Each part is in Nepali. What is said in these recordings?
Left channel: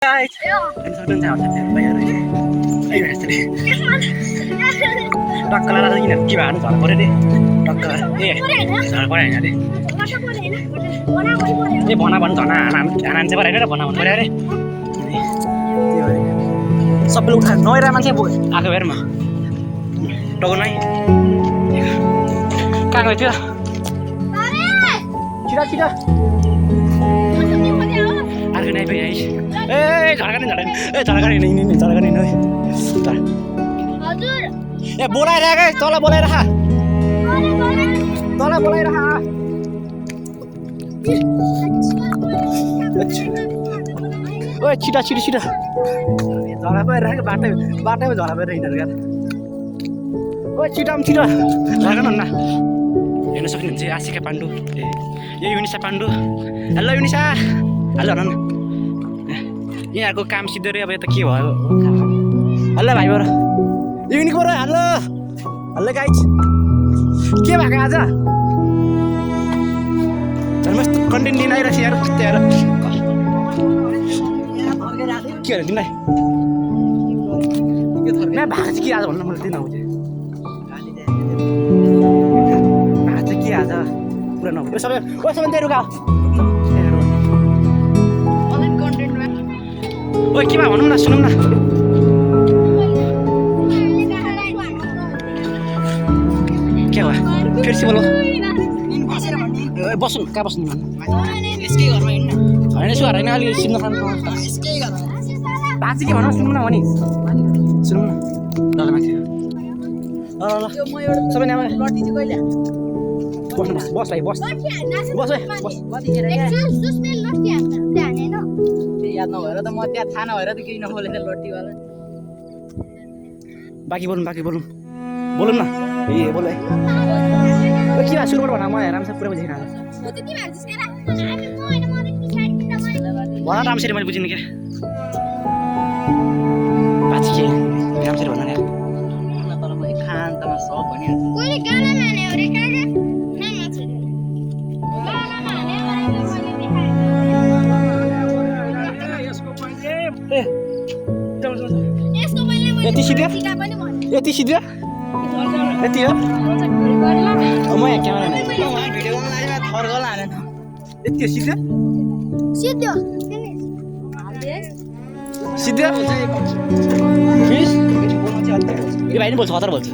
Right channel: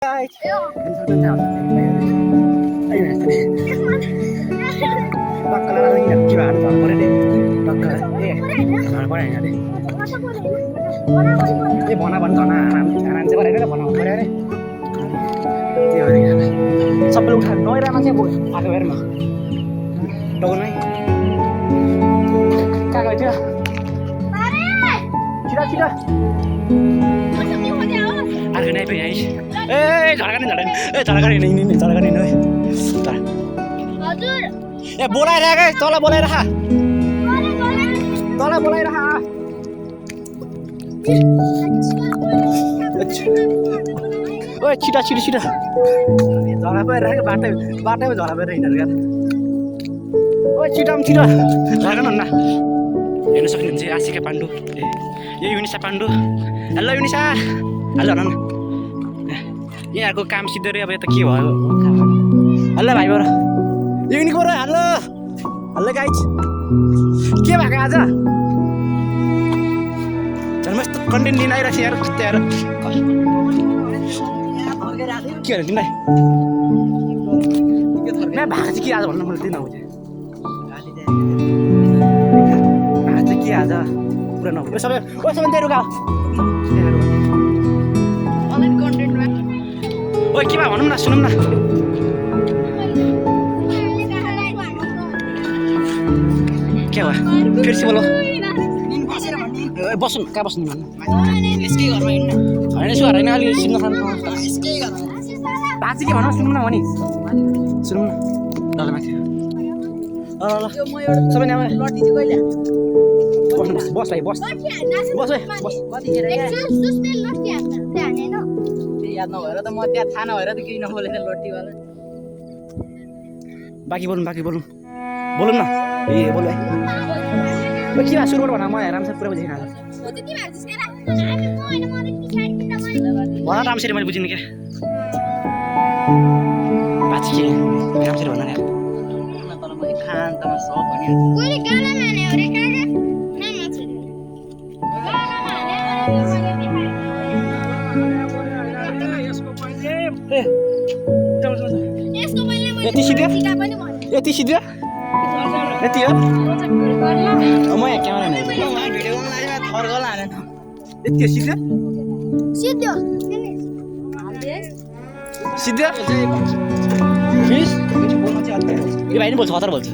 Guys, ini sudah saya bayar ini. Ayo mas tadi. Takkan ada lagi nak gimana cara kau deh? Takkan, cara kau ni ada. Ini bona sana, anak siapa ada bona kau ada. Sebelum kan, noy ramai sih bu, aku bayar mah. Tahu noy? Kagak itu. Cida. Harga naik banyak is. Carakan ini. Tar. Boleh dah guys, tolak boleh dah. Tolak boleh dah. Oh, cida. Tolak boleh dah. Bate tolak boleh ini kan. Oh, cida. Carakan mana? Ini sekarang ni asik ke Pandu. Ya Yunisa Pandu. Halo Yunisa. Halo Nana. Ini aku kam sidur ya, apa itu kiwa? Halo भाइ बरु. Ini kau halo guys. के भएको आज? चल मस्त कन्टेन्ट दिन आइरहेछ यार कस्तो यार. के हो तिमीलाई? मैं भएको चाहिँ के आज भन्नु मलाई दिन आउँछ. आज के आज? पुरा नभए सबै त्यही रुका. अनलाइन कन्टेन्टमा ओइ के भनौँ न सुनौँ न. के भयो फेरि बोलो. बस्नु कहाँ बस्नु भन्नु. यसकै घरमा हिँड्नु. होइन यसो होइन अलि सिन्न खानु. यसकै घरमा. बाजे के भनौँ सुनौँ न भनी. सुनौँ न. ल माथि. ल. म एउटा सबै नाम लड्दी चाहिँ कहिले? बस भाइ बस. कतिखेर याद नभएर त म त्यहाँ थाहा नभएर त केही नबोलेर लट्टीवाला. बाँकी बोलौँ न. ए बोल है. के भए सुरुबाट भन म राम्रोसँग पुरा बुझेन. भन राम्ररी मैले बुझिनँ क्या. बाँची के राम्ररी भन नि. तल म एकान्तमा सब भनिहाल्छु. यति सिधो यति हो. म यहाँ क्यामेरा नै भिडियो यति सिधो फिस. यो भाइ नि बोल्छ खतरा बोल्छ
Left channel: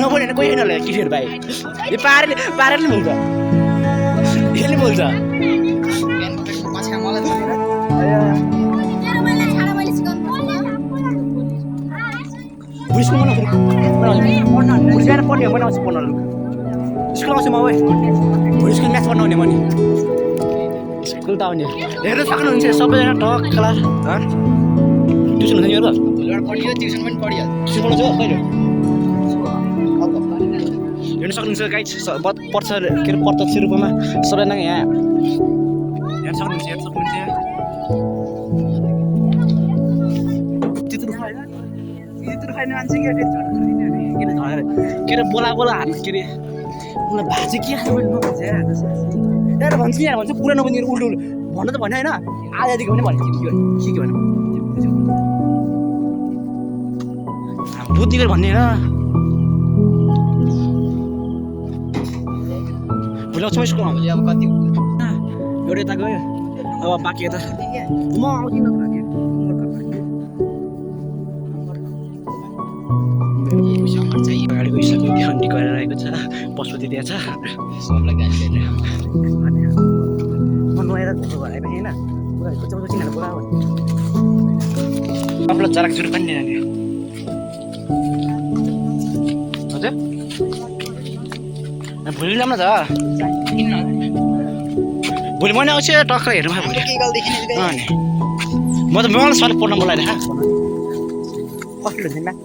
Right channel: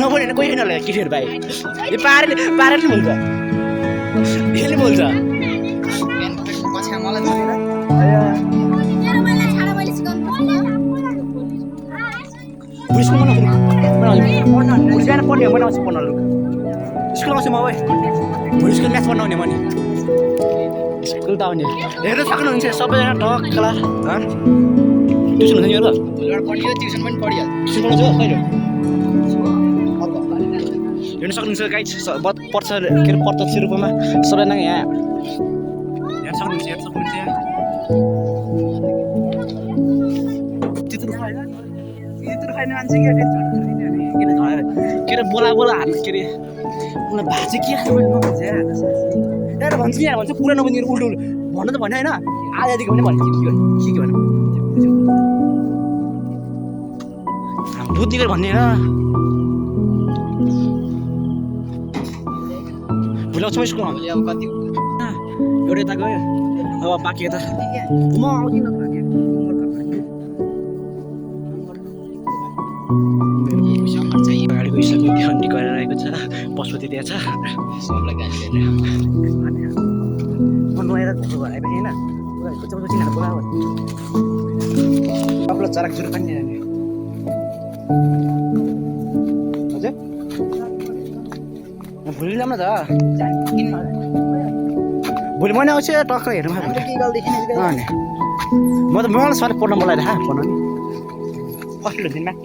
नबोल्ने कोही छैन होला केटीहरू भाइ. यो पारेले नि बोल्छ. यसले बोल्छ. स्कुल पढ्ने बनाउँछु पढ्न. स्कुल आउँछु म अब भोलि स्कुल म्याथ पढ्न आउने म नि. स्कुल त आउने हेर्नु सक्नुहुन्छ सबैजना टक क्लास. ट्युसन हुन्छ नि हेर्नु. भोलिबाट पढियो ट्युसन पनि पढियो. ट्युसन पढाउँछु कहिले हेर्नु सक्नुहुन्छ गाइड. पर्छ के अरे प्रत्यक्ष रूपमा सबैजना यहाँ हेर्नु सक्नुहुन्छ. त्यत्रो खाने मान्छे के अरे बोला हाल्नु के अरे उनीलाई भाजी के खानु नभन्छ यार. भन्छ नि यार भन्छ पुरा नबनिएर उल्टो भन्नु त भने होइन आधादेखि पनि भने के भन्नु बुझ्ने गरेर भन्ने होइन. भोलि आउँछु म स्कुलमा. भोलि अब कति एउटा यता गयो अब बाँकी यता म आउँदिनँ. गाडीको हिसाबले खन्डी गरेर आएको छ. पशुपति त्यहाँ छ. सबलाई गाडी दिएर म नुहाएर घरको घर आएपछि होइन पुरा चिनाएर बोलायो सबलाई चराक जुर पनि दिने. हजुर भोलि ल्याउन त. भोलि मैले आउँछु टक्क हेर्नु भोलि. म त मलाई सर पढ्न बोलाइरहेको कस्तो हुन्छ म्याथ.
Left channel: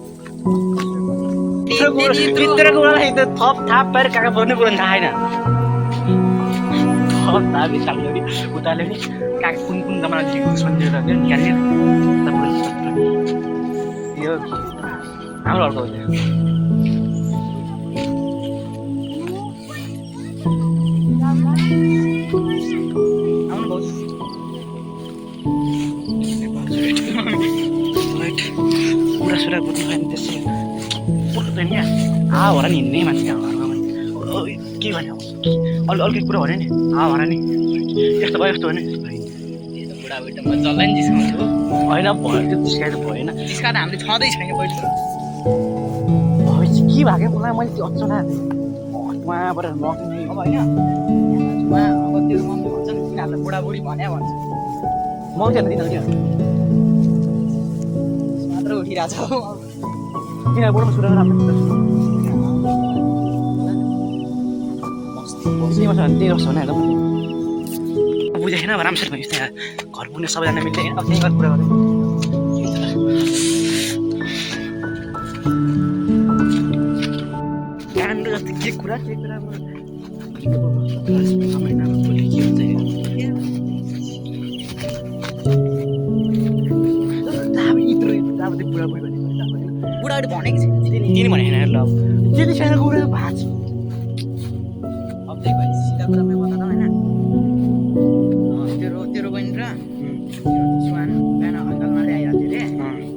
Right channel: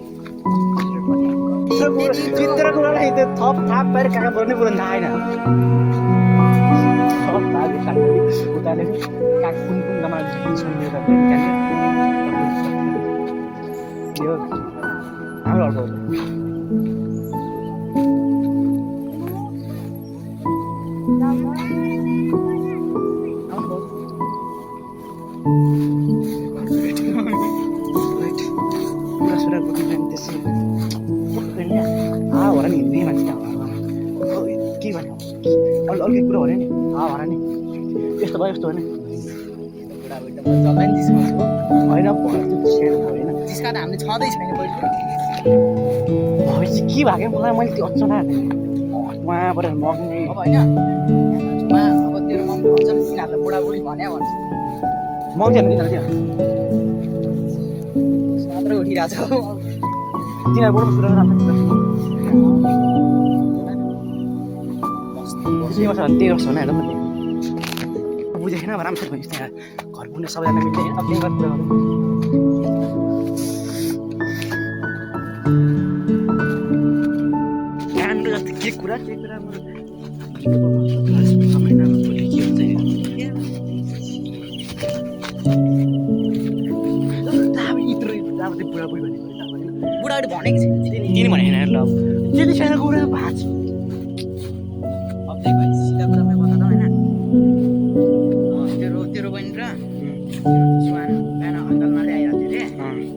भित्रको कुरालाई थप थाप पाएर काका बोल्ने कुरा थाहा छैन. थप थाप भित्राले उताले नि काका कुन जमाना सम्झेर निकाल्ने यो हाम्रो अर्को हो. आउनु पुरा सुरा कुद्नु भयो नि त्यसै पुग्दैन क्या हावारा नि हिँड्ने मान्छे के भन्यो अर्कै कुरा भन्यो नि हावारा नि यस्तो भयो यस्तो भने बुढाबुढी म जसलाई नि जिस्काउँछु होइन भयो त्यो जिस्काएर भएन जिस्का त हामीले छँदै छैन पहिलो भएपछि के भएको मलाई मैले त्यो अचना उहाँबाट नग्ने अब होइन अब त्यो मम्मी भन्छ नि तिनीहरूलाई बुढाबुढी भन्या भन्छ मग्दैन तिनीहरू त्यो मात्र उठिरहेको छ तिनीहरूबाट सुरु राम्रो त्यही वर्ष भने हेर्दा बुझेको छैन अब राम्रोसँग भयो त्यहाँ घर पुग्ने सबैजना मिल्दै अब त्यही बात कुरा गर्दै काण्ड जस्तो के कुरा के हुन्छ अब त्यो बुढाबुढी भनेको बुढाबुढी भनेको छैन तिनी भने होइन ल अब त्यति सानो कुरा भएको छ अब त्यही भएर सिधा कुरामै बता होइन तेरो बहिनी र सुहान बिहान अङ्कलमाले आइरहेको थियो अरे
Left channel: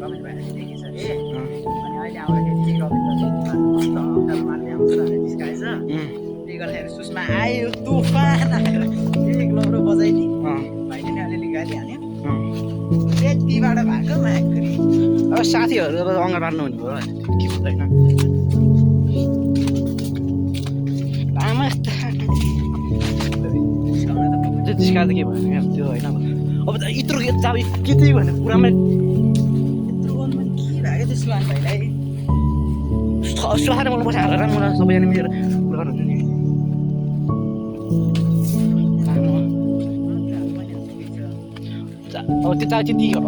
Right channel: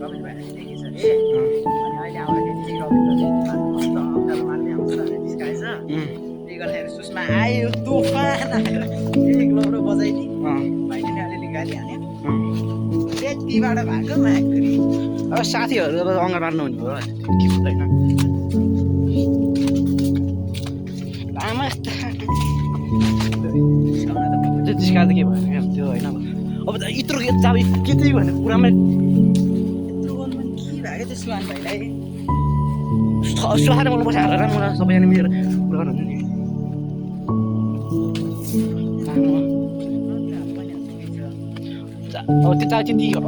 रमेश भाइले देखिन्छ अरे अनि अहिले आउँदाखेरि चाहिँ अङ्कलमाले आउँछ भनेर जिस्काएछ त्यही गर्दाखेरि सुषमा आयो तुफान आएर एक लौरो बजाइदिए भाइले नै अलिअलि गाली हान्यो त्यतिबाट भएको माग्री अब साथीहरू अब अङ्गा मार्नु हुने भयो के हुँदैन लामा त्यो जिस्काएर त के भएन क्या त्यो होइन अब यत्रो अब के त्यही भन्ने कुरामा यत्रो गर्नु पनि के भएको त्यो सुहान भाइलाई सुहाएर मलाई बसाएर मलाई सबैजना मिलेर कुरा गर्नुहुन्छ नि अब त्यो त त्यति अब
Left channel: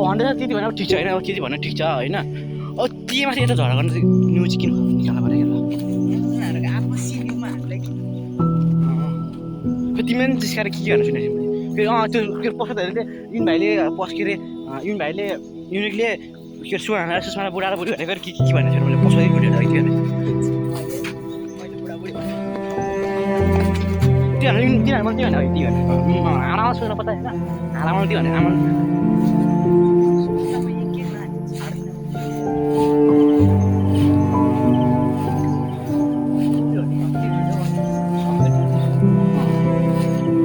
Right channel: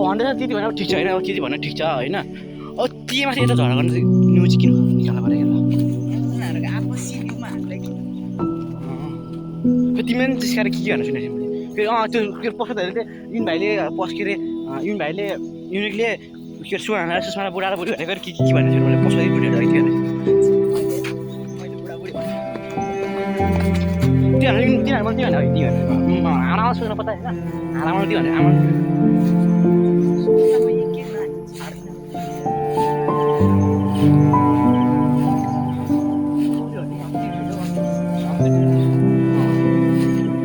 भन्दै त्यति भने अब ठिक छ होइन अब के भन्नु ठिक छ होइन अब त्यहीमाथि यता झगडा गर्नु चाहिँ न्युज किन निकाल्नु पऱ्यो क्या तिमीले पनि जिस्काएर के गर्नु सुनेको फेरि त्यो पस्दाखेरि चाहिँ युन भाइले के अरे युन भाइले युनिकले के अरे सुषमा बुढा र बुढी भनेको के भनेको थियो मैले पस्दै बुढीहरू थियो अरे तिनीहरू मैले त्यो भने आमामा सुन्न पत्ता होइन आमामा त्यो भने आमा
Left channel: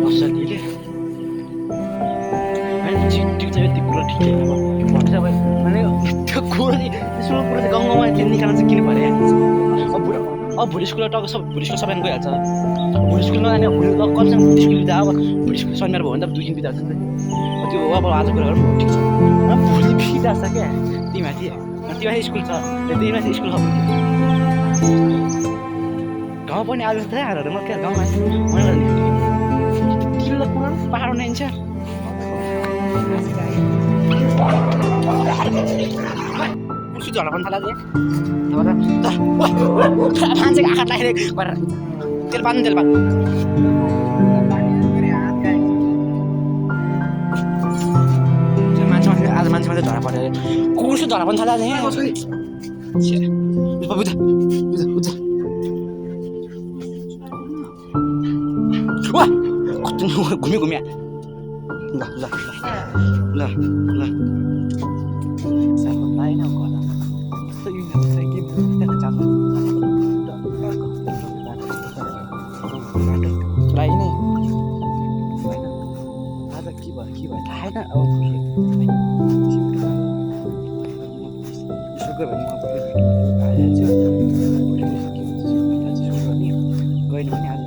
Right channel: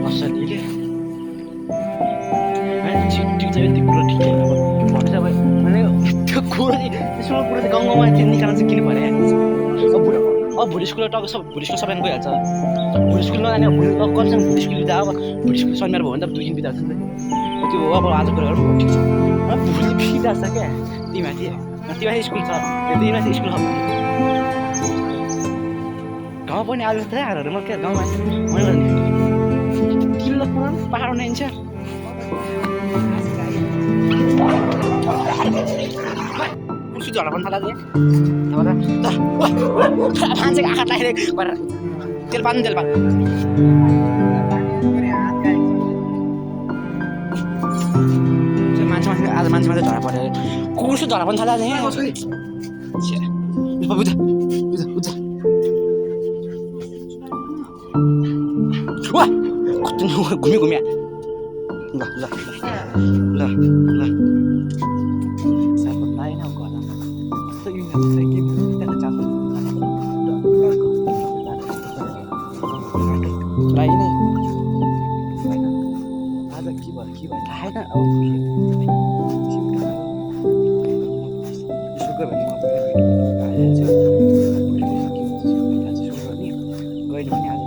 असलीले ठिक छ यति कुरा ठिक छैन अब भन्नु चाहिँ अब त्यो कुरो चाहिँ स्कुलको कुरो चाहिँ गाउँमा निकाल्न चाहिँ किन पऱ्यो अब भोलि स्कुल टक्क भोलि स्कुल सबैजना गइहाल्छ भोलि स्कुल नजाने भोलि कतिसँग भोलि स्कुल बिदा अब भोलि स्कुल शनिबार भयो भने त 2 दिन बिदा हुन्छ नि त्यो अब आज कुरा गरौँ ठिक छ भोलि बिदा छ क्या तिमीमाथि स्कुल छ तिमीमाथि स्कुल छ गाउँ पनि आज त हारहरू म क्या गाउँमा मैले किलो पुरा पहाड बनाइन्छ पुसु झडा पनि थाला मान्छेको आँखा टाइरेको गरेर तेल पाल्नु तेल पाल्नु मान्छे आज मान्छे मात्रै झडा पऱ्यो कुकुरसु झडा पनि थाला बुझ घुम्यो घुम्या ल ल ल ल लाइन लाइनै आज के भयो थाहा छैन अब सुगर भने म आइहाल्छु गइले पनि आज